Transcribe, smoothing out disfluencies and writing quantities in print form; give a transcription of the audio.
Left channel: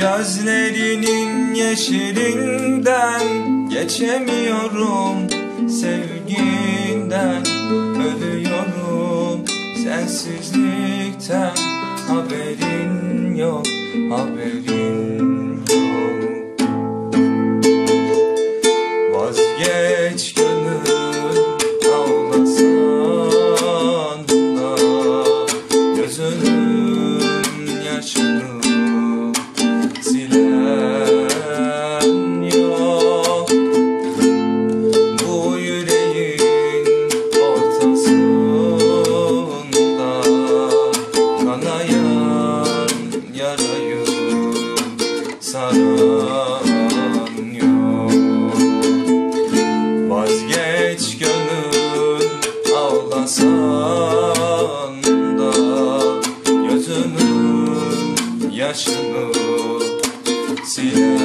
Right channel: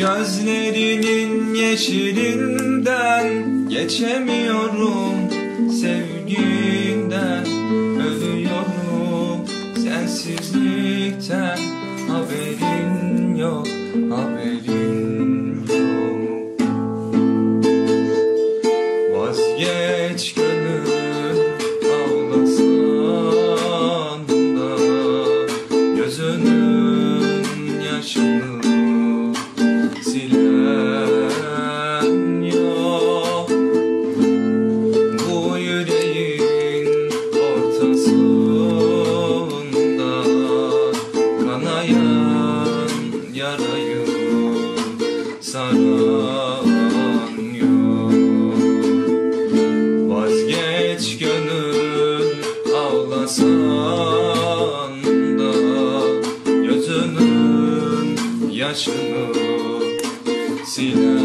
Gözlerinin yeşilinden geçemiyorum, sevginden ölüyorum. Sensizlikten haberin yok, haberin yok. Vazgeç gönül, ağlasan da gözünün yaşını silen yok. Bu yüreğin ortasında kanayan yarayı saran yok. Vazgeç gönül, ağlasan da gözünün yaşını silen